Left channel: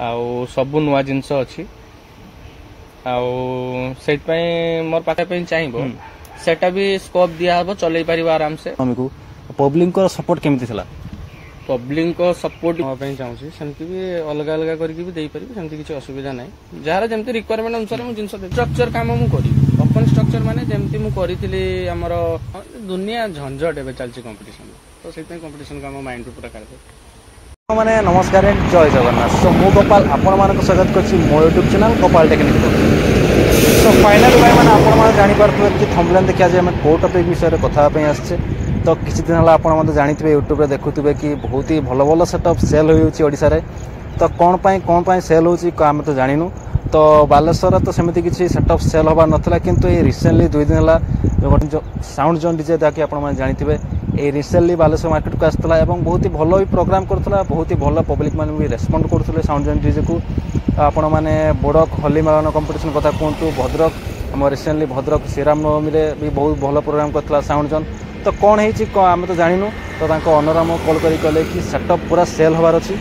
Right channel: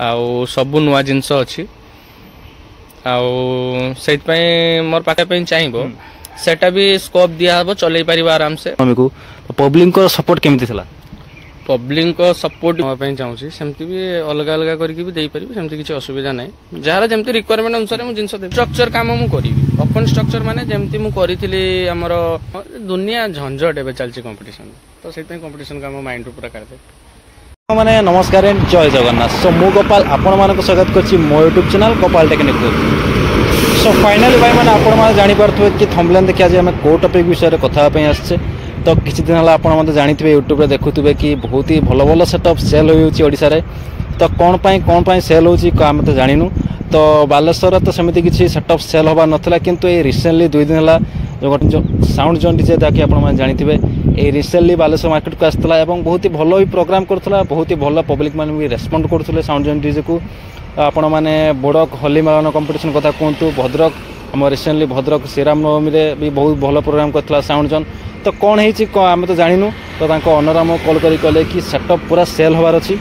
आउ सब नुआ जिनस अच्छी से मोर पाखे चाहिए सेटा भी स्कोप दिया हम चल पार आराम से पब्लिक को सपोर्ट केमती थला पब्लिक को सपोर्ट चाहिए सेमती भी अलग अलग करके किसी असुविधा ना जार जमी रिक्वायरमेंट अनुसार मुझे जिन स्ट्रक्चर कम मुझे ओपन स्ट्रक्चर माने जमती मुझे आमर दुनिया झंझट एवं चलती कंपटीशन तो से कंपटीशन का माइंड पूरा कर माने नमस्कार एंड जय जगन्नाथ। सो मु गोपाल आपण मानक स्वागत करछि मो YouTube channel Gopal technique. So finally भाई माने आपण माने जानि परथुवे कि थंबनेल देखि आज हम को टॉपिक विषय रे कथा पई आछे। तो किछि दिन हला आपण माने जानिथिबे यूट्यूब रे देखुथिबे कि बहुत ही भलो भलो सेटअप सेल होउछि ओडिसा रे। तो कोन पई सेल होउछि हम तो जानिनु। तो बालेश्वर तो सेमिति किछि सेटअप सेल होबा नथला किंतु ए रिसेंटली 2 दिन हला जो साउंड जोन डीजे ताकि आपण माने जानिथिबे ए रिसेंटली बालेश्वर मार्केट को आसला एवं बहुत ही भलो भी प्रोग्राम करथला बहुत ही भलो पब्लिक माने भी रेस्पोंड करथले साउंड जोन डीजे को। आपण माने बड़क होली मेलन कंपटीशन कथा कहंतु भद्रक हम रिसेंटली भद्रक श्रीराम नवमी रे भी बहुत भलो प्रोग्राम करथला साउंड जोन। तो कोन हेछि हम तो जानिनु। तो तांको ओनर हम कॉल करी कहले कि सेटअप पूरा सेल होबार अछि।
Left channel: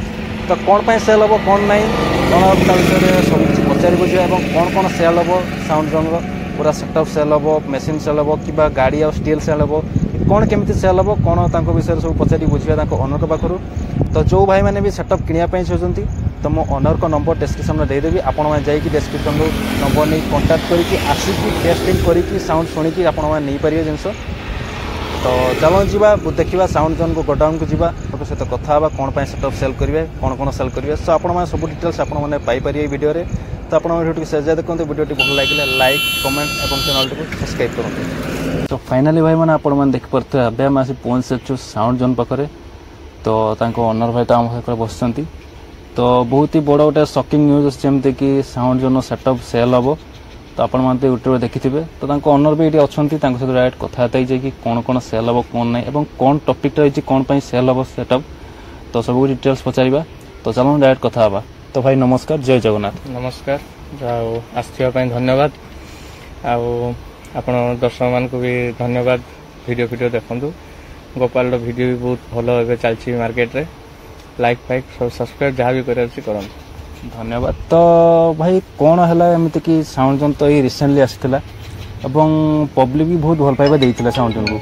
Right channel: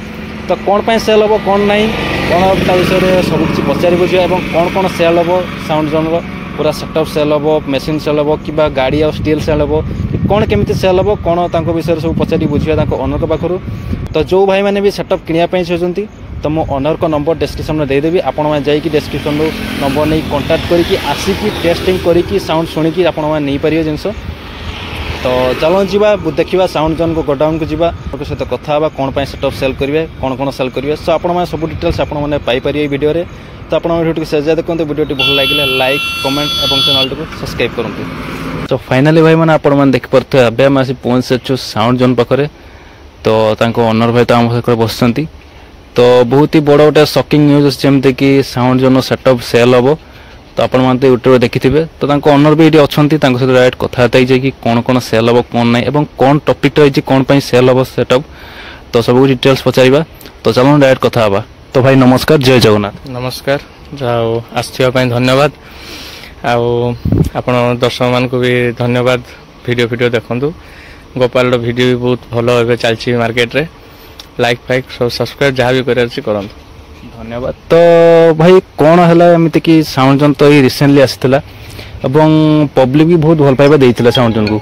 तो कौन पाई सेल हम कौन ना कौन विषय सब किसी पचार बुझे कौन कौन सेल हम साउंड जोन पूरा सेटअप सेल हम मेसीन सेल हम कि गाड़ी और स्टील सेल हम कौन केमी सेल हम कौन विषय सब पचारि बुझे ओनर पाखु। तो जो भाई मैंने भी सेटअप किनापी चाहते तो मो ओनर को नंबर डिस्क्रिप्शन में देदेवी आपण जाकि डिस्क्रिप्शन नंबर नहीं कांटेक्ट करके आसिकी टेस्टिंग करके साउंड शुणिकी आप नहीं पारे जिनस। तो चलो जीवा देखा साउंड जोन को गोडाउन को जीवा सहित कथा हाँ कौन सेटअप सेल करेंगे कौन सेल करेंगे। सो आप सब डिटेल्स आपरे वीडियो रे। तो आप वीडियो शेयर देखते वीडियो भल लगे लाइक कमेंट और चैनल को सब्सक्राइब करेंगे। तो फाइनाली भाई मैंने आप देखिपे अब आम आसी पहुँच सारी साउंड जोन पाखे। तो ओनर भाई तो आम सहित बस तो बहुत ही बड़ गोटे शॉकिंग न्यूज जमती कि साउंड जोन सेटअप सेल हम। तो आप यूट्यूब देखि तो ओनर भी ये अच्छा सहित डायरेक्ट कथबार्ता कि कौन कौन सेल हम कौन ना और कौन टॉपिक रही कौन सेल हम सेटअप तो सब डिटेल्स पचार। तो चलो डायरेक्ट कथा हाँ। तो भाई नमस्कार जय जगन्नाथ। नमस्कार जाओ आसवा धन्यवाद आपण दर्शक मान को भी धन्यवाद वीडियो देखु गोपाल वीडियो भी बहुत भल चलती मार्केट रे लाइक फाइक सब सब्सक्राइब जहाँ भी कर धन्यवाद। तो भाई कौन है एमती कि साउंड जोन तो ये रिसेंटली आसाला और पब्लिक भी बहुत भल पाइबा देइथिला साउंड जोन को।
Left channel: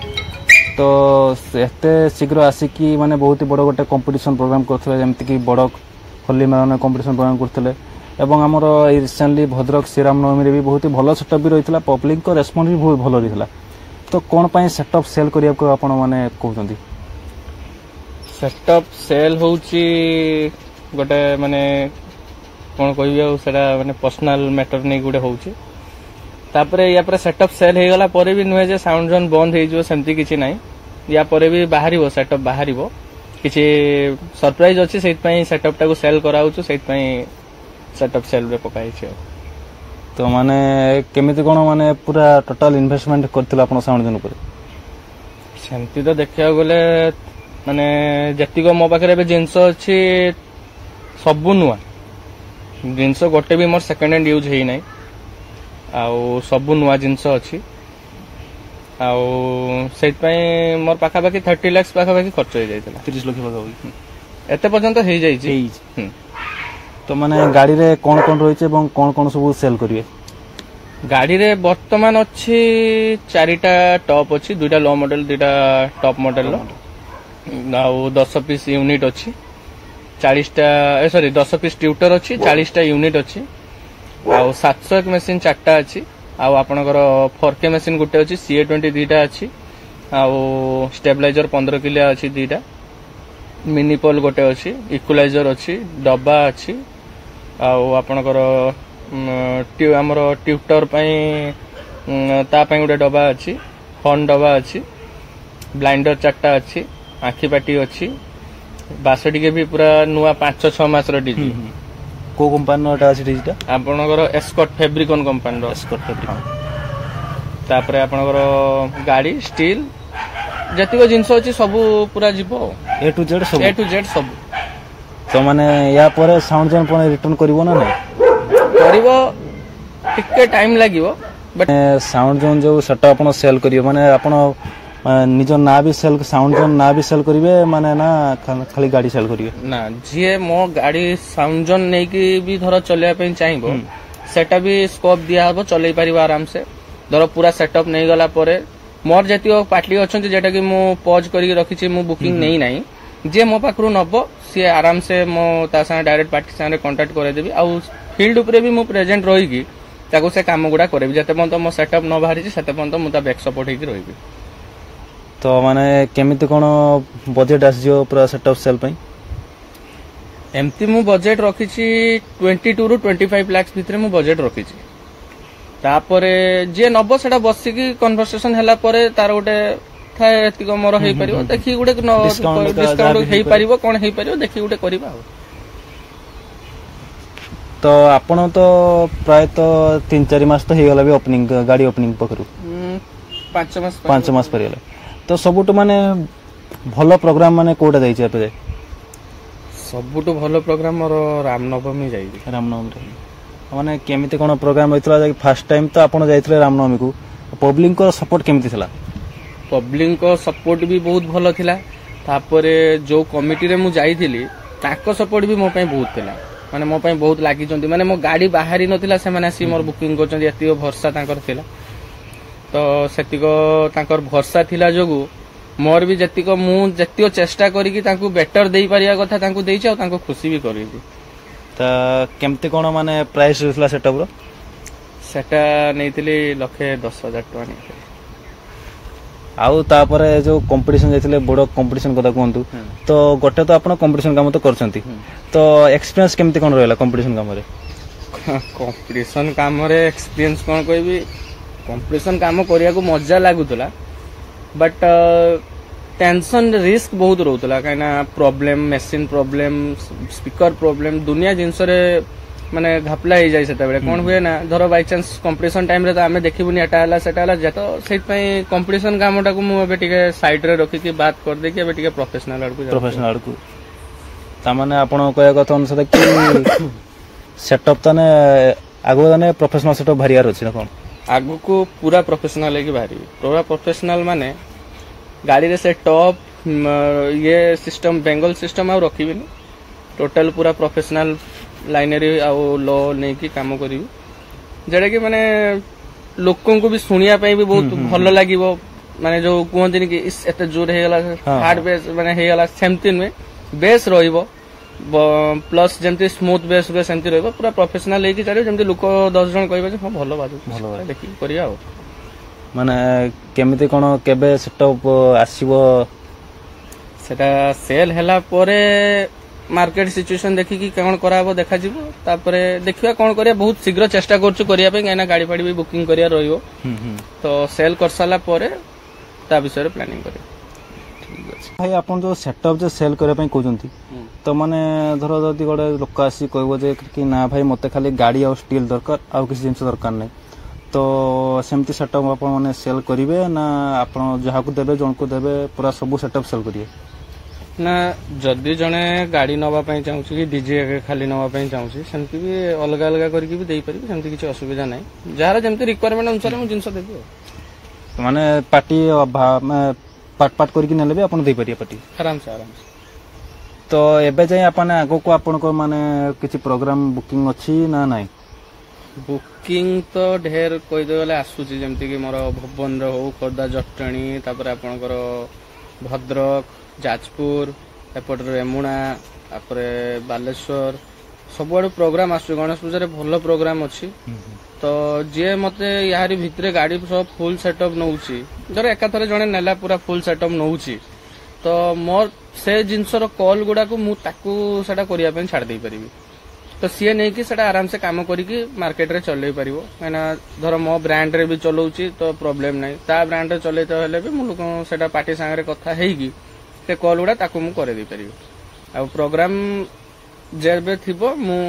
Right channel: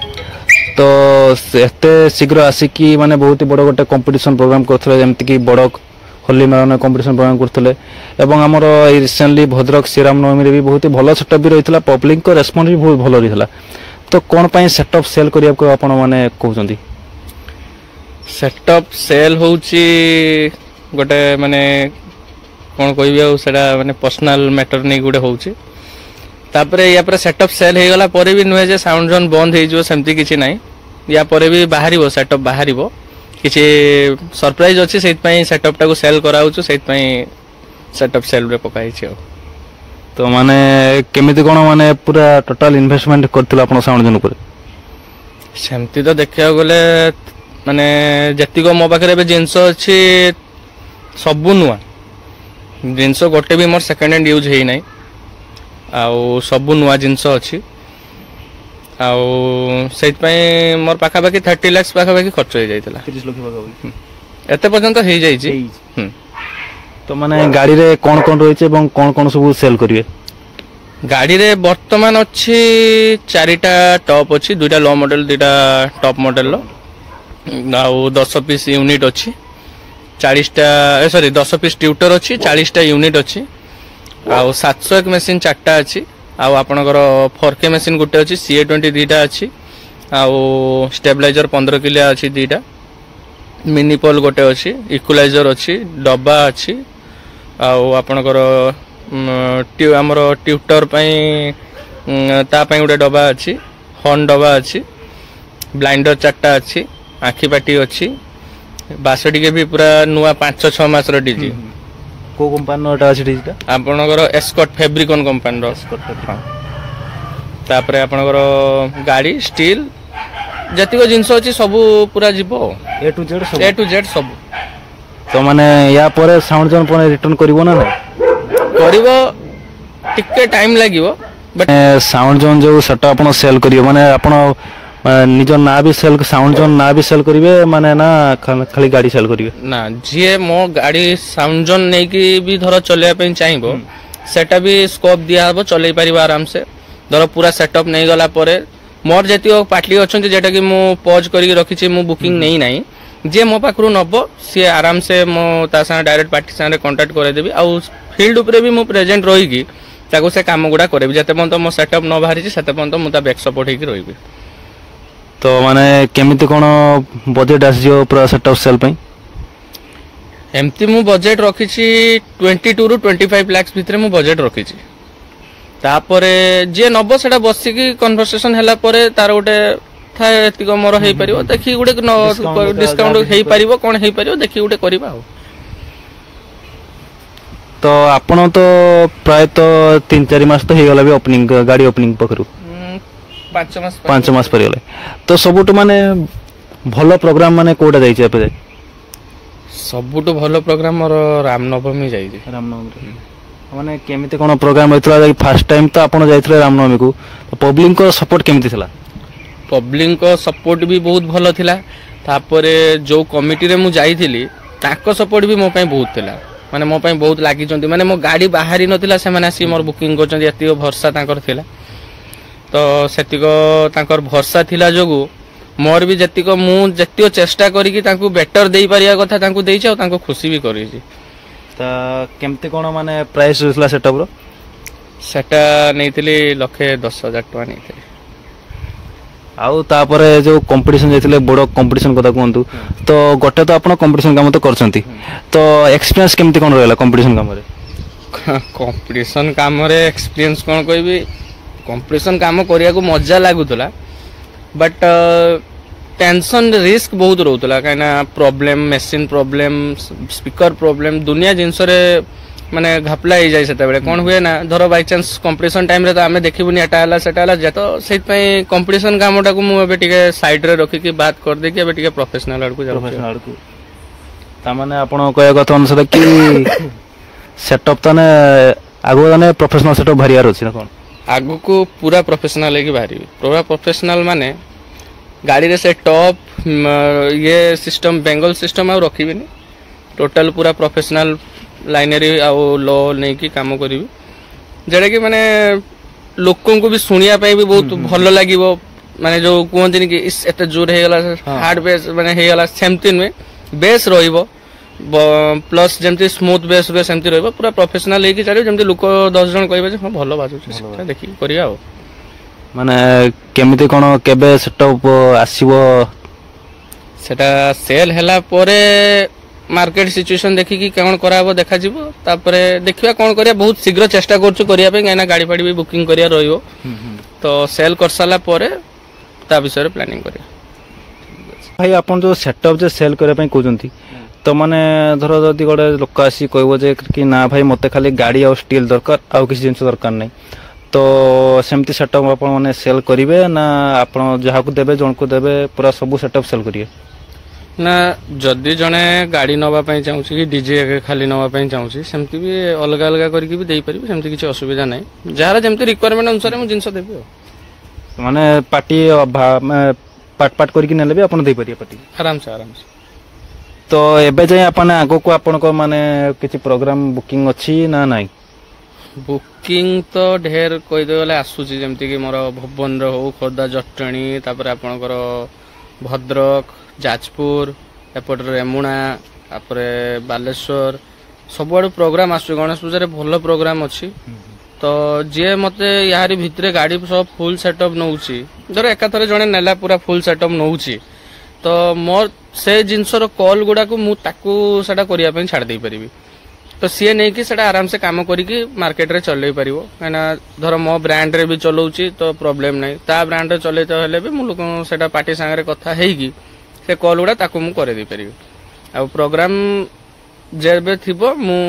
तो एते शीघ्र आसिकी माने बहुत ही बड़ गोटे कंपटीशन प्रोग्राम करथले जेमति कि बड़क होली मेलन कंपटीशन प्रोग्राम करथले एवं हमर रिसेंटली भद्रक श्रीराम नवमी रे भी बहुत ही भल सेटअप भी रहितला पब्लिक को रेस्पोंस भी बहुत भल रहितला। तो कौन पाई सेटअप सेल करिया को आपण माने कहउचंदी सेटअप सेल होउची गोटे माने कौन कह मैंने पर्सनाल मैटर नहीं गोटे होची या पर सेटअप सेल हो गला पर भी नुहे जे साउंड जोन बंद हो सेमती किसी ना या पर भी बाहर सेटअप बाहर किसी सरप्राइज अच्छी से सेटअप टाको सेल कराऊँ से सेटअप सेल रे पकाई। तो माने केमिति कोन माने पूरा टोटल इन्वेस्टमेंट करथिला आपण साउंड जोन पर सेमती तो देखा गले माने जतिको मो पाखरे जिनस अच्छी सबू नुआ जिनस गोटे भी मोर सेकेंड हैंड यूज है ना सबू नुआ जिनस अच्छी से मोर पाखापाखि 30 लाख पाखापाखि खर्च हो जाता 30 लाख एते पर्यंत हो जाइए। तो माने गाड़ी रे कौन कौन रही कौन कौन सब सेल करिवे गाड़ी रे वर्तमान अच्छी 4टा टॉप अच्छी 2टा लो मॉडल 2टा टॉप मॉडल 10 पीस यूनिट अच्छी 40टा सॉरी 10 पीस ट्यूटर अच्छी 40टा यूनिट अच्छी 701 मशीन 4टा अच्छी आपणकर 4K मशीन गोटे अच्छी CA20 2टा अच्छी स्टेबलाइजर 15 किलिया अच्छी 2टा मिनी पोल गोटे अच्छी इक्वलाइजर अच्छी डब्बा अच्छी आपणकर आमर ट्यूटर गोटे डब्बा अच्छी हॉर्न डब्बा अच्छी ब्लाइंडर 4टा अच्छी आखि पाटी अच्छी बासटी के भी पूरा नुआ 5-6 मास डीजी को कंपनी अच्छी डीजीटा आपणकर एस्कॉट फैब्रिकन कंपनी तापरे आपणकर गाड़ी स्टील जतिक जिनस अच्छी सब पूरा जीव ए टू जेड सब। तो माने या पर साउंड जोन पर रिटर्न करिवो ना करिवो टिके टाइम लागिवो बट साउंड जोन जो सेटअप आपण सेल करियो माने आपण ନିଜ ନାଁ ବି ସେଲ୍ ସାଉଣ୍ଡ ଜୋନ୍ ନାଁ ବି ସେଲ୍ କରିବେ ମାନେ ନା ଖାଲି ଗାଡ଼ି ସେଲ୍ କରିବେ? ନା ଯିଏ ମୋ ଗାଡି ସାଉଣ୍ଡ ଜୋନ୍ ନେଇକି ବି ଧର ଚଲେଇବା ପାଇଁ ଚାହିଁବ ସେଟା ବି ସ୍କୋପ ଦିଆହବ, ଚଲେଇ ପାରିବ ଆରାମସେ। ଧର ପୁରା ସେଟଅପ୍ ନେଇଗଲା ପରେ ମୋର ଯେତିକ ପାର୍ଟି ଅଛନ୍ତି ଯେଟା କି ମୁଁ ପଜ୍ କରିକି ରଖିଛି, ମୁଁ ବୁକିଂ ନେଇ ନାହିଁ, ଯିଏ ମୋ ପାଖରୁ ନବ ସିଏ ଆରାମସେ ମୋ ତା ସାଙ୍ଗେ ଡାଇରେକ୍ଟ ପାର୍ଟି ସାଙ୍ଗରେ କଣ୍ଟାକ୍ଟ କରେଇଦେବି। ଆଉ ଫିଲ୍ଡ ଉପରେ ବି ମୁଁ ପ୍ରେଜେଣ୍ଟ ରହିକି ତାକୁ ସେ କାମ ଗୁଡା କରିବି। ଯେତେ ପର୍ଯ୍ୟନ୍ତ ମୋ ସେଟଅପ୍ ନ ବାହାରିଛି ସେତେ ପର୍ଯ୍ୟନ୍ତ ମୁଁ ତା ବ୍ୟାକ୍ ସପୋର୍ଟ ହେଇକି ରହିବି। ତ ମାନେ କେମିତି କ'ଣ ବଜେଟ୍ ଆସିଯିବ ପୁରା ସେଟଅପ୍ ସେଲ୍ ପାଇଁ? ଏମିତି ମୁଁ ବଜେଟ୍ ରଖିଛି 22 ରୁ 25 ଲାକ୍ସ ଭିତରେ ମୁଁ ବଜେଟ୍ ରଖିଛି। ତାପରେ ଯିଏ ନବ ସେଟା ବସିକି କନଭରସେସନ ହେଲା ପରେ ତାର ଗୋଟେ ଥାଏ ଏତିକ ମୋର ହେଇପାରିବ, ଦେଖି ଗୋଟେ ଡିସକାଉଣ୍ଟ ହେଇପାରିବ, କ'ଣ ହେଇପାରିବ ଦେଖି ଗୋଟେ କରିବା ଆଉ। ତ ଆପଣ ତ ପ୍ରାୟତଃ 3-4 ମାସ ତ ହେଇଗଲା ବି ଓପନିଂ ଗାଡ଼ି ଓପନିଂ ପାଖରୁ 5 ମାସ ପରିଗଲେ। ତ ସବୁଠୁ ମାନେ ଭଲ ପ୍ରୋଗ୍ରାମ ମାନେ କୋଉଟା ଯାଇଛି ଏବେ ଯାଏ? ସବୁଠୁ ଭଲ ପ୍ରୋଗ୍ରାମ ମୋର ରାମନବମୀ ଯାଇଛି। ରାମନବମୀ ମାନେ କେମିତି କ'ଣ ପ୍ରୋଗ୍ରାମ ହେଇଥିଲା? ଫାର୍ଷ୍ଟ ଟାଇମ୍ ତ ଆପଣ ଯାଇଥିଲେ ରାମନବମୀକୁ, ପବ୍ଲିକଙ୍କ ସପୋର୍ଟ କେମିତି ଥିଲା? ପବ୍ଲିକଙ୍କ ସପୋର୍ଟ ବି ବହୁତ ଭଲ ଥିଲା। ତାପରେ ଯୋଉ କମିଟିରେ ମୁଁ ଯାଇଥିଲି ତାଙ୍କ ସପୋର୍ଟ ବି ମୋ ପାଇଁ ବହୁତ ଥିଲା, ମାନେ ମୋ ପାଇଁ ବହୁତ ଲାଗିଛନ୍ତି। ମାନେ ମୋ ଗାଡ଼ି ବାହାରି ନଥିଲା ସେମାନେ ଆସିକି ମୋର ବୁକିଂ କରୁଛନ୍ତି, ଏତିକ ଭରସା ତାଙ୍କର ଥିଲା। ତ ସେତିକ ତାଙ୍କର ଭରସା ଥିଲା ଯୋଗୁଁ ମୋର ବି ମୁଁ ଯେତିକ ଚେଷ୍ଟା କରିକି ତାଙ୍କୁ ବେଟର ଦେଇପାରିବା କଥା ତାଙ୍କୁ ଦେଇଛି, ଆଉ ତାଙ୍କୁ ଖୁସି ବି କରିଛି। ତ କେମିତି କ'ଣ ମାନେ ପ୍ରାଇସ୍ ରହିଥିଲା ସେଟଅପ୍ର? ସେଟା ନେଇଥିଲି 1,10,000 ଟଙ୍କା ନେଇଥିଲି। ଆଉ ତାପରେ ଯୋଉ କମ୍ପିଟିସନ ଯାଇଥିଲେ, ବଡ଼ କମ୍ପିଟିସନ କଥା କୁହନ୍ତୁ। ତ ଗୋଟେ ତ ଆପଣ କମ୍ପିଟିସନ କାମ ତ କରିଛନ୍ତି, ତ ଏକ୍ସପିରିଏନ୍ସ କେମିତି କ'ଣ ରହିଲା କମ୍ପିଟିସନ କାମରେ? କମ୍ପିଟିସନ କାମରେ ଏକ୍ସପିରିଏନ୍ସ କ'ଣ କହିବି, କମ୍ପିଟିସନ କାମ କରିବାକୁ ମଜା ଲାଗୁଥିଲା, ବଟ୍ ଟେନସନ ରିସ୍କ ବହୁତ ରହୁଥିଲା। କାହିଁକିନା problem, machine problem, speaker problem, ଦୁନିଆ ଜିନିଷରେ ମାନେ ଘାପଲା ହେଇଯାଏ। ସେତେବେଳେ କ'ଣ ହୁଏ ନା, ଧର ବାଇଚାନ୍ସ କମ୍ପିଟିସନ ଟାଇମରେ ତ ଆମେ ଦେଖିବୁନି ଏଟା ହେଲା ସେଟା ହେଲା, ତ ସେଇଥିପାଇଁ କମ୍ପିଟିସନ କାମଟାକୁ ମୁଁ ଏବେ ଟିକେ ସାଇଡରେ ରଖିକି ବାଦ କରିଦେଇକି ଏବେ ଟିକେ ପ୍ରଫେସନାଲ ଆଡକୁ ଯାଉଛି। ତାମାନେ ଆପଣ କହିବା କଥା ଅନୁସାରେ କି ସେଟଅପ୍ ତାନେ ଆଗକୁ ତାନେ ପ୍ରଫେସନାଲ ସେଟଅପ୍ ବାହାରିବାର ଅଛି ନା କ'ଣ? ଆଗକୁ ପୁରା ପ୍ରଫେସନାଲ ହେଇକି ବାହାରିବି। ପୁରା ପ୍ରଫେସନାଲ ମାନେ ଗାଡ଼ିରେ ସେ ଟପ୍ ଇଏ ସିଷ୍ଟମ, ବେଙ୍ଗଲ ସିଷ୍ଟମ ଆଉ ରଖିବିନି। ଟୋଟାଲ ପୁରା ପ୍ରଫେସନାଲ ଲାଇନରେ ଆଉ ଲ ନେଇକି କାମ କରିବି, ଯେଉଁଟା କି ମାନେ ଲୋକଙ୍କୁ ବି ଶୁଣିବା ପାଇଁ ବି ବହୁତ ଭଲ ଲାଗିବ। ମାନେ ଯୋଉ କୁହନ୍ତିନି କି ଏତେ ଜୋର ହେଇଗଲା, ହାର୍ଡ ବେସ୍ ମାନେ ହେଇଗଲା, ସେମିତି ନୁହେଁ। ବେସ୍ ରହିବ ପ୍ଲସ୍ ଯେମିତି ସ୍ମୁଥ ବେସ୍ ରୁହେ ସେମିତି ରହିବ। ପୁରା ପ୍ରଫେସନାଲ ହେଇକି ଚାଲିବ, ଯେମିତି ଲୋକ 10 ଜଣ କହିବେ ଯେ ହଁ ଭଲ ବାଜୁଛି, ଦେଖିକି କରିବା ଆଉ। ମାନେ କେମିତି କ'ଣ କେବେ ସେଟଅପ୍ ଆସିବ? ସେଟା ସେଲ୍ ହେଲା ପରେ ମାର୍କେଟ ସିଚୁଏସନ ଦେଖିକି କ'ଣ କରାହବ ଦେଖାଯିବ। ତାପରେ ଦେଖିବା କ'ଣ କରିବା, ବହୁତ ଶୀଘ୍ର ଚେଷ୍ଟା କରୁଛୁ କରିବା ପାଇଁ, କାହିଁକିନା ଗାଡ଼ି ଫାଡ଼ି ବି ବୁକିଂ କରିବା ରହିବ। ତ ସେଲ୍ କରିସାରିଲା ପରେ ତା ବିଷୟରେ ପ୍ଲାନିଂ କରିବା। ଭାଇ ଆପଣ ଯୋଉ ସେଟଅପ୍ ଯେ ସେଲ୍ କରିବା ପାଇଁ କହୁଛନ୍ତି, ତ ମାନେ ଧର ଯଦି ଗୋଟେ ଲୋକ ଆସି କହିବ ଯେ କି ନା ଭାଇ ମୋତେ ଖାଲି ଗାଡ଼ି ଆଉ ଷ୍ଟିଲ୍ ଦରକାର, ଆଉ କିଛି ଜିନିଷ ଦରକାର ନାହିଁ, ତ ସେମିତି ସେଟଅପ୍ ଆପଣ ମାନେ ସେଲ୍ କରିବେ ନା ଆପଣ ଯାହାକୁ ଦେବେ ଜଣକୁ ଦେବେ ପୁରା ସବୁ ସେଟଅପ୍ ସେଲ୍ କରିବେ? ନା ଯଦି ଜଣେ ଗାଡ଼ି ନେବା ପାଇଁ ଚାହୁଁଛି କି ଡିଜେ ଖାଲି ନେବା ପାଇଁ ଚାହୁଁଛି, ସେମିତି ବି ଅଲଗା ଅଲଗା କରିକି ବି ଦେଇପାରିବି, ସେମିତି କିଛି ଅସୁବିଧା ନାହିଁ। ଯାହାର ଯେମିତି ରିକ୍ୱାରମେଣ୍ଟ ଅନୁସାରେ ମୁଁ ଜିନିଷ ଦେବି ଆଉ। ମାନେ ପାର୍ଟି ପାର୍ଟ କରିକି ନେଲେ ବି ଆପଣ ଦେଇପାରିବେ ପାର୍ଟି ଆରାମସେ। ତ ଏବେ ଯାଏଁ ଆପଣ ଆଗକୁ ଆପଣଙ୍କ ମାନେ କିଛି ପ୍ରୋଗ୍ରାମ ବୁକିଂ ଅଛି ନା ନାହିଁ? ବୁକିଂ ତ ଢେର କହିଦେବେ ଗଲେ ଆସୁଛି, ଯେମିତିକି ମୋର ଭୁବନର ହଉ, ଖୋର୍ଦ୍ଧା, ଜଟଣୀ, ତାପରେ ଆପଣଙ୍କର ଭଦ୍ରକ, ଯାଜପୁର, ଏପଟରେ ରେମୁଣା, ତାପରେ ବାଲେଶ୍ୱର, ସବୁଆଡୁ ପ୍ରୋଗ୍ରାମ ଆସୁଛି। ଗଣେଶ ପୂଜାରେ ଭଲ ପ୍ରୋଗ୍ରାମ ଅଛି। ତ ଯିଏ ମତେ ୟାରି ଭିତରେ ଗାଡ଼ି ସହ ଫୁଲ ସେଟଅପ୍ ନଉଛି, ଧର ଏକାଥରେ ଜଣେ ନେଲା ପୁରା ଫୁଲ ସେଟଅପ୍ ନଉଛି, ତ ମୋର ସେ ଜିନିଷର କଲ୍ ଗୁଡାକୁ ମୁଁ ତାକୁ ସେଟା କରିବା ପାଇଁ ଛାଡ଼ି ଦେଇପାରିବି। ତ ସିଏ ନେଇକି ସେଟା ଆରାମସେ କାମ କରିକି ମାର୍କେଟରେ ଚଲେଇ ପାରିବ। କାହିଁକିନା ଧର ମୋ ବ୍ରାଣ୍ଡରେ ବି ଚଲଉଛି ତ ପ୍ରୋବ୍ଲେମ ନାହିଁ, ତା ବ୍ରାଣ୍ଡରେ ଚଲେଇତେ ହେଲେ ବି ମୁଁ ଲୋକଙ୍କୁ ସେଟା ପାର୍ଟି ସାଙ୍ଗରେ କଥା ହେଇକି ସେ କଲ୍ ଗୁଡ଼ା ତାକୁ ମୁଁ କରେଇ ଦେଇପାରିବି। ଆଉ ପ୍ରୋଗ୍ରାମ ଯେବେ ଥିବ ମୁଁ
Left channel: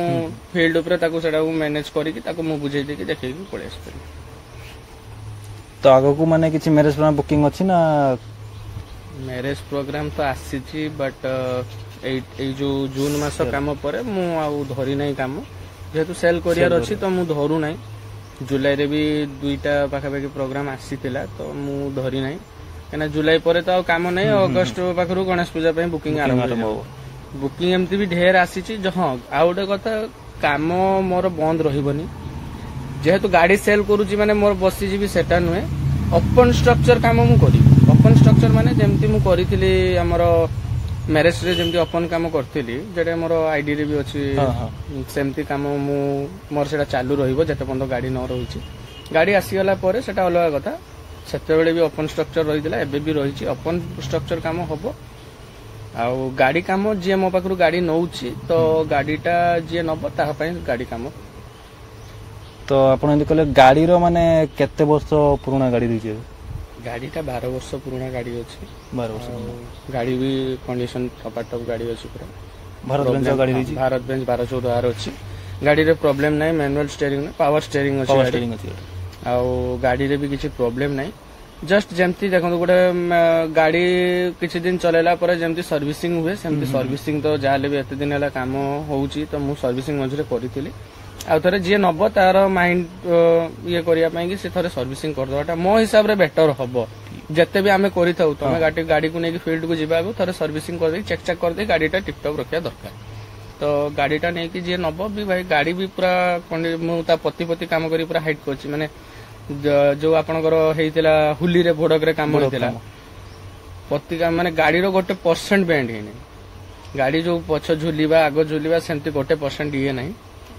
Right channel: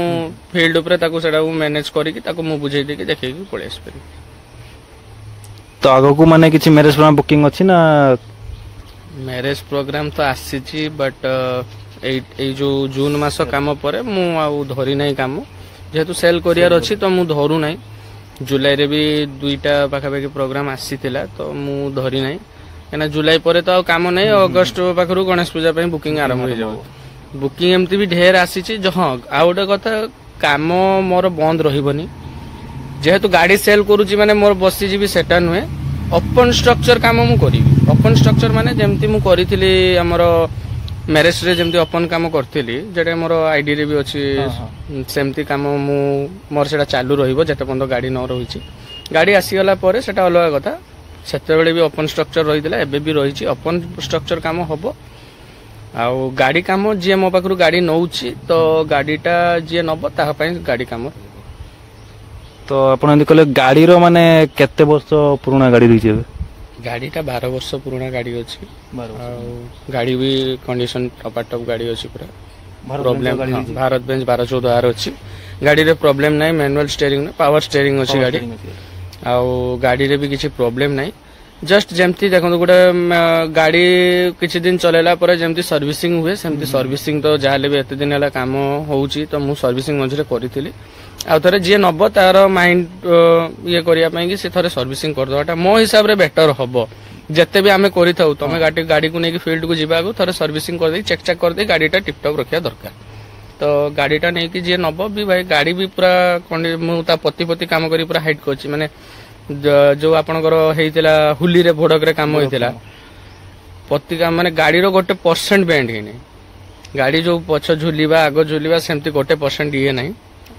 ଫିଲ୍ଡ ଉପରେ ତାକୁ ସେଟା ମ୍ୟାନେଜ କରିକି ତାକୁ ମୁଁ ବୁଝେଇ ଦେଇକି ଦେଖେଇକି ପଳେଇ ଆସିପାରିବି। ତ ଆଗକୁ ମାନେ କିଛି ମ୍ୟାରେଜ ପ୍ରୋଗ୍ରାମ ବୁକିଂ ଅଛି ନା? ମ୍ୟାରେଜ ପ୍ରୋଗ୍ରାମ ତ ଆସିଛି, ବଟ୍ ଏଇ ଯୋଉ ଜୁନ ମାସ କାମ ପରେ ମୁଁ ଆଉ ଧରି ନାହିଁ କାମ, ଯେହେତୁ ସେଲ୍ କରିବାର ଅଛି ତ ମୁଁ ଧରୁ ନାହିଁ। ଜୁଲାଇରେ ବି 2ଟା ପାଖାପାଖି ପ୍ରୋଗ୍ରାମ ଆସିଥିଲା ତ ମୁଁ ଧରି ନାହିଁ। କାହିଁକିନା ଜୁଲାଇ ପରେ ତ ଆଉ କାମ ନାହିଁ, ଅଗଷ୍ଟ ପାଖରୁ ଗଣେଶ ପୂଜା ପାଇଁ ବୁକିଂ ଆରମ୍ଭ ହେଇଯିବ। ବୁକିଂ ଏମିତି ବି ଢେର ଆସିଛି। ହଁ, ଆଉ ଗୋଟେ କଥା, କାମ ମୋର ବନ୍ଦ ରହିବନି। ଯେହେତୁ ଗାଡି ସେଲ୍ କରୁଛି ମାନେ ମୋର ବସିଯିବି ସେଟା ନୁହେଁ। ଓପନ୍ ଷ୍ଟ୍ରକ୍ଚର କାମ ମୁଁ କରିବି। ଓପନ୍ ଷ୍ଟ୍ରକ୍ଚର ମାନେ ଯେମିତି ମୁଁ କରିଥିଲି ଆମର ମ୍ୟାରେଜରେ ଯେମିତି ଓପନ୍ କାମ କରିଥିଲି, ଯେଟା ମୋର ଆଇଡିରେ ବି ଅଛି, ସେମିତି କାମ ମୋର ସେଟା ଚାଲୁ ରହିବ ଯେତେ ପର୍ଯ୍ୟନ୍ତ ଗାଡି ନ ରହିଛି। ଗାଡି ଆସିଗଲା ପରେ ସେଟା ଅଲଗା କଥା। ସେତେବେଳେ ବି ଓପନ୍ ଷ୍ଟ୍ରକ୍ଚର ରହିଥିଲା, ଏବେ ବି ରହିଛି। ଓପନ୍ ଷ୍ଟ୍ରକ୍ଚର କାମ ହବ। ଆଉ ଗାଡି କାମ ଯିଏ ମୋ ପାଖରୁ ଗାଡି ନଉଛି ତ ଗାଡିଟା ଯିଏ ନବ ତାହା ପାଇଁ ଗାଡି କାମ। ତ ଆପଣ ଏମିତି କହିଲେ ଗାଡିର ମାନେ କେତେ ବର୍ଷ ପୁରୁଣା ଗାଡି ରହିଛି ଏବେ? ଗାଡିଟା 12 ବର୍ଷ ପୁରୁଣା ଗାଡି ଅଛି। 12 ବର୍ଷ। ଆଉ ଗାଡି ବି କଣ୍ଡିସନ ଟପାଟପ ଗାଡି ଅଛି ପୁରା। ଭାରତ ବେଞ୍ଚ 1214R ଅଛି। ଗାଡିରେ ପ୍ରୋବ୍ଲେମ ନାହିଁ। ମ୍ୟାନୁଆଲ ଷ୍ଟେରିଂ ପାୱାର ଷ୍ଟେରିଂ ଅଛି ଗାଡି। ଆଉ ଗାଡିରେ ବି କିଛି ପ୍ରୋବ୍ଲେମ ନାହିଁ। जस्ट जमती देखो गोटे गाड़ी किसी दिन चलेला पर जमती सर्विसिंग हुए सेमती सर्विसिंग तो जहाँ भी एत दिन है कम हो तो मुझे सर्विसिंग मझे करी आउ थे जी नब तार माइंड ये करने से थे सर्विसिंग करदेटा मो हिसाब से बेटर हम जिते भी आम कर तुम गाड़ी को लेकिन फील्ड को जावाक थे सर्विसिंग कर चेक चेक कर गाड़ीटा टिपटप रखा दरकार तो गाड़ीटा नहीं कि जी नब भी भाई गाड़ी भी पूरा मुझे पति पति काम कर पूरा हाइट कर माने जो आपणकर होता हुली रे भोड़क रे काम होता पति काम माने गाड़ी रो गोटे परसेंट बैंड ही नहीं गाड़ी जो पछ झुलिबा आग झुलिबा सेमती गोटे परसेंट ये नहीं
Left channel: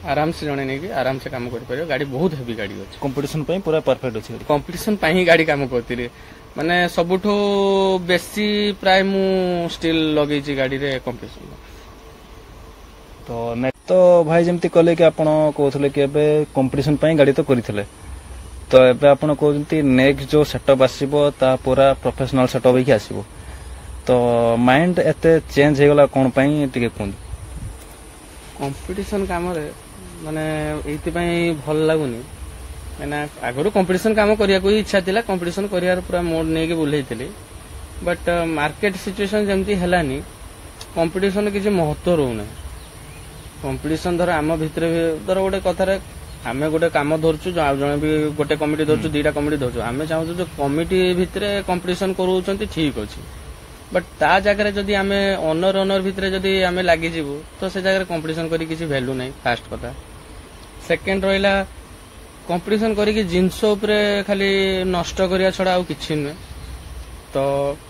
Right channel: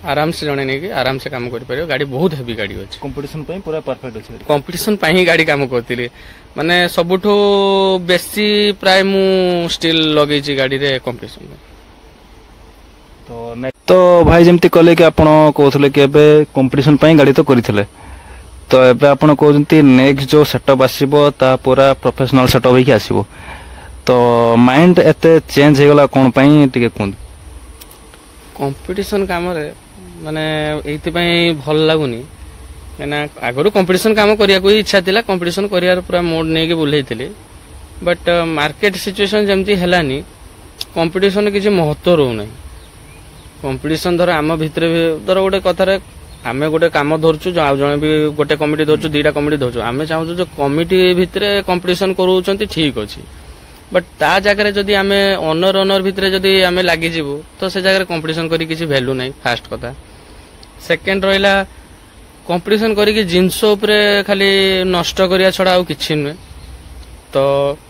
आराम से जने नहीं कि आराम से काम कर पारे गाड़ी बहुत हेवी गाड़ी अछि कंपटीशन पे पूरा परफेक्ट अछि कंपटीशन पे ही गाड़ी काम करतिले माने सबुठो बेसी प्राय मु स्टिल लगै छी गाड़ी रे कंपटीशन तो भाई जमती कहले कि आपण कहथले कि एबे कंपटीशन पे गाड़ी तो करिथले तो एबे आपण कहउंती नेक्स्ट जो सेटअप आसीबो ता पूरा प्रोफेशनल सेटअप ही आसीबो तो माइंड एते चेंज हेगला कोन पई टिके कोन कंपटीशन काम रे माने एति पई भल लागुनी एना आगरो कंपटीशन काम करिया को इच्छा थिला कंपटीशन करियार पूरा मोड नै के बुलैथिले बट मार्केट सिचुएशन जेमती हेलानी कंपटीशन किछि महत्व रहउ नै कंपटीशन धर आम भितर धर गोटे कथार आम गोटे कम धरचु जन भी गोटे कमिटी धरचु दुईटा कमिटी धरचु आम चाहूँ जो कमिटी भितर कंपटीशन करूँ ठीक अच्छे बट ता जगह जदि आम ओनर भितर जदि आम लगी तो से जगह कंपटीशन करी किसी वैल्यू नहीं फास्ट कथा सेकेंड रहा कंपटीशन करी जिनस खाली नष्ट करिया छड़ा आउ किछि नुहे तो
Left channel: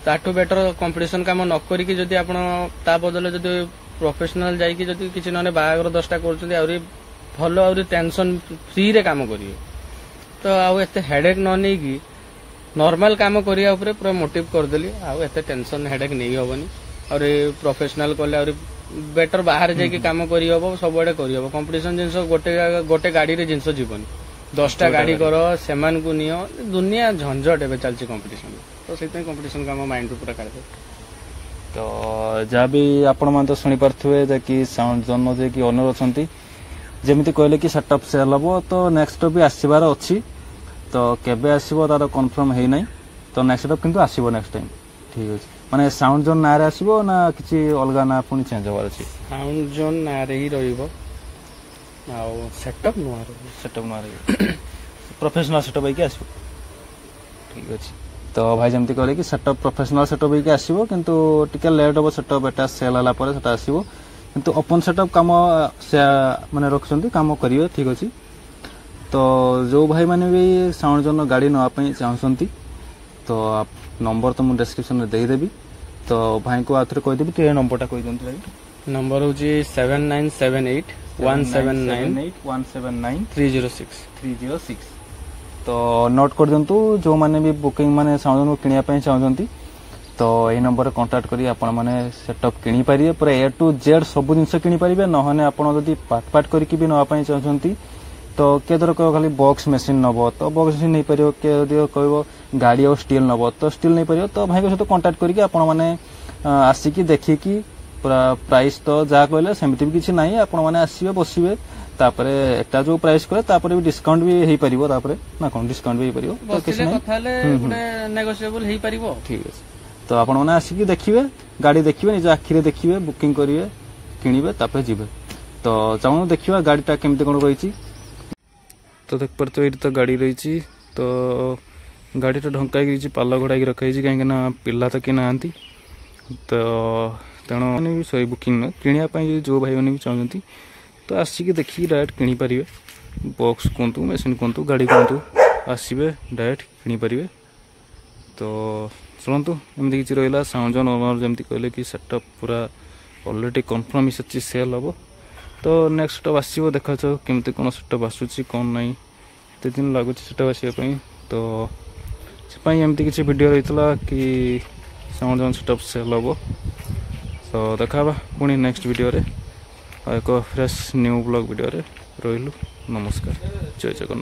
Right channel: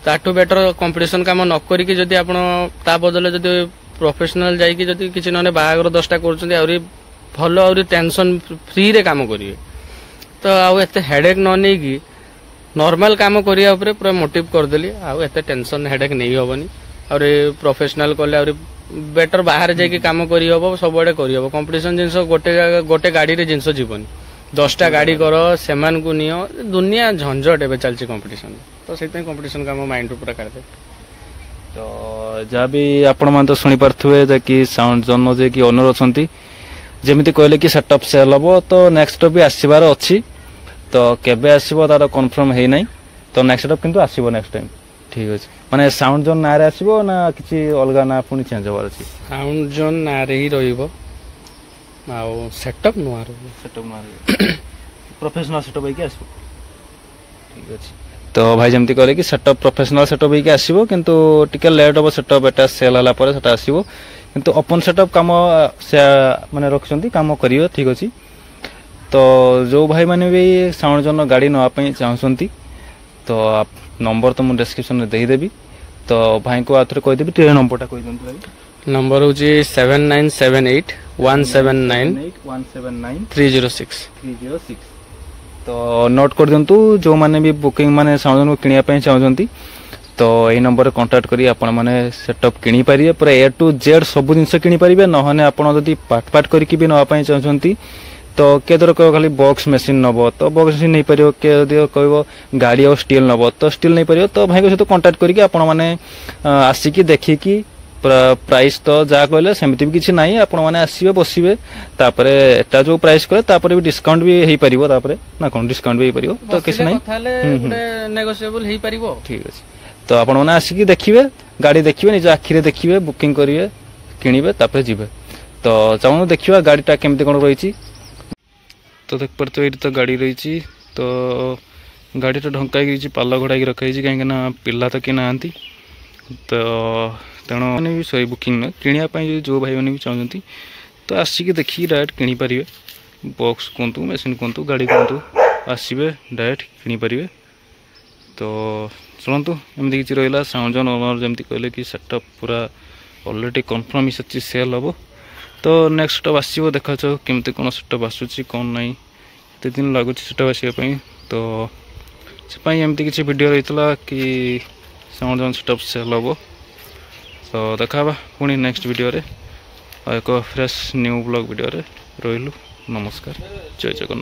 ताठू बेटर कंपटीशन काम न करिकी जदि आपण ता बदले जदि प्रोफेशनल जाइकी जदि किछि नने बाहागर 10टा करछन्ती आउरी भल आउरी टेंशन फ्री रे काम करिवे तो आउ एते हेडेक न नै की नॉर्मल काम करिया ऊपर पूरा मोटिव कर देली आउ एते टेंशन हेडेक नै होबनी और प्रोफेशनल करले और बेटर बाहर जाइकी काम करी हबो सबडे करी हबो कंपटीशन जिंस गोटे गोटे गाड़ी रे जिंस जीवन 10टा गाड़ी कर सेमान को नियो दुनिया झंझट एबे चलची कंपटीशन तो सेते कंपटीशन काम माइंड पूरा कर दे तो जहाँ भी आपण मान तो सुनी पार्थुए जे कि साउंड जन जे कि ओनर अछंती जेमिति कहले कि सेटअप सेल हबो तो नेक्स्ट भी आसीबार अछि तो केबे आसीबो तार कंफर्म हेइ नै तो नेक्स्ट सेटअप किंतु आसीबो नेक्स्ट टाइम ठीक अछि माने साउंड जोन नारे आसीबो ना किछि अलगा ना पुनी चेंज होबार अछि साउंड जोन नारे ही रहिबो आउ सेटअप नारे प्रोफेशनल सेटअप है कि आसीबो ठीक अछि तो भाई जमती कहले कि सेटअप प्रोफेशनल सेटअप ही आसीबो किंतु टिके लेट हो सेटअप एटा सेल हला पर सेटा आसीबो किंतु ओपन सेटअप काम से माने रखछंती काम करियो ठीक अछि तो जो भाई माने भी साउंड जोन गाड़ी नवा पई चाहछंती तो नंबर तो मु डिस्क्रिप्शन में देई देबी तो भाई को आथरे कहि देबी ट्रेन नंबरटा कहि दंतु भाई नंबर होची 7978 179 306 तो नोट कर दिंतु जो माने भी बुकिंग माने साउंड किनिया पई चाहछंती तो यही नंबर कांटेक्ट करी आपण माने सेटअप किनी पारिए पूरा ए टू जेड सब जिनस किनी पारिबे नहने आपण जदी पार्ट पार्ट करिकि भी नवा पई चाहछंती तो के दर खाली बॉक्स मशीन नबो तो बॉक्स मशीन नहीं परियो के जदी कहबो गाड़ी और स्टील नबो तो स्टील नहीं परियो तो भाई को सहित कांटेक्ट करिकि आपण माने आसिकि देखिकि प्राइस तो जा कहले सेमिति भी किछि नाही आपण माने आसीबे बसिबे तापरे एटा जो प्राइस करे तापरे भी डिस्काउंट भी हेई परिबो तापरे ना कोन डिस्काउंट भी हेई परिबो तो किछि नाही थाले गुडे नेगोशिएबल हेई परिबो ठीक अछि तो आपण माने आसिकि देखिबे गाड़ी देखिबे निज आखिरे देखिबे बुकिंग करिवे किनिबे तापरे जिबे तो चाहू देखिबा गाड़ीटा केमते कोन रहिछि तो देख पर तो एटी तो गाड़ी रहिछि तो गाड़ी तो ढंका पाल घोड़ा रखाई कहीं पिला तो कि ना तो तेणु मैंने भी सही बुकिंग नुहे किणापी जो भाई मैंने भी चाहते तो आसिक देखिए डायरेक्ट किनीपारे बॉक्स कहतु मेसीन कहतु गाड़ी कहतु आसवे डायरेक्ट किनीपारे। तो शुणु एमती किसी रहा साउंड जन ओनर जमी कहले कि सेटअप पूरा ऑलरेडी कन्फर्म ही सच्ची सेल हम। तो नेक्स्ट सेटअप आसो देखा केमती कौन सेटअप आसूसी कौन ना एत दिन लगुच सेटअप आसवाई। तो एमती किसी वीडियो रही कि साउंड जन सेटअप सेल हम। तो देखा पुणी नेक्स्ट वीडियो रे एक फ्रेश न्यू ब्लॉग वीडियो रे रही। नमस्कार, जय जगन्नाथ।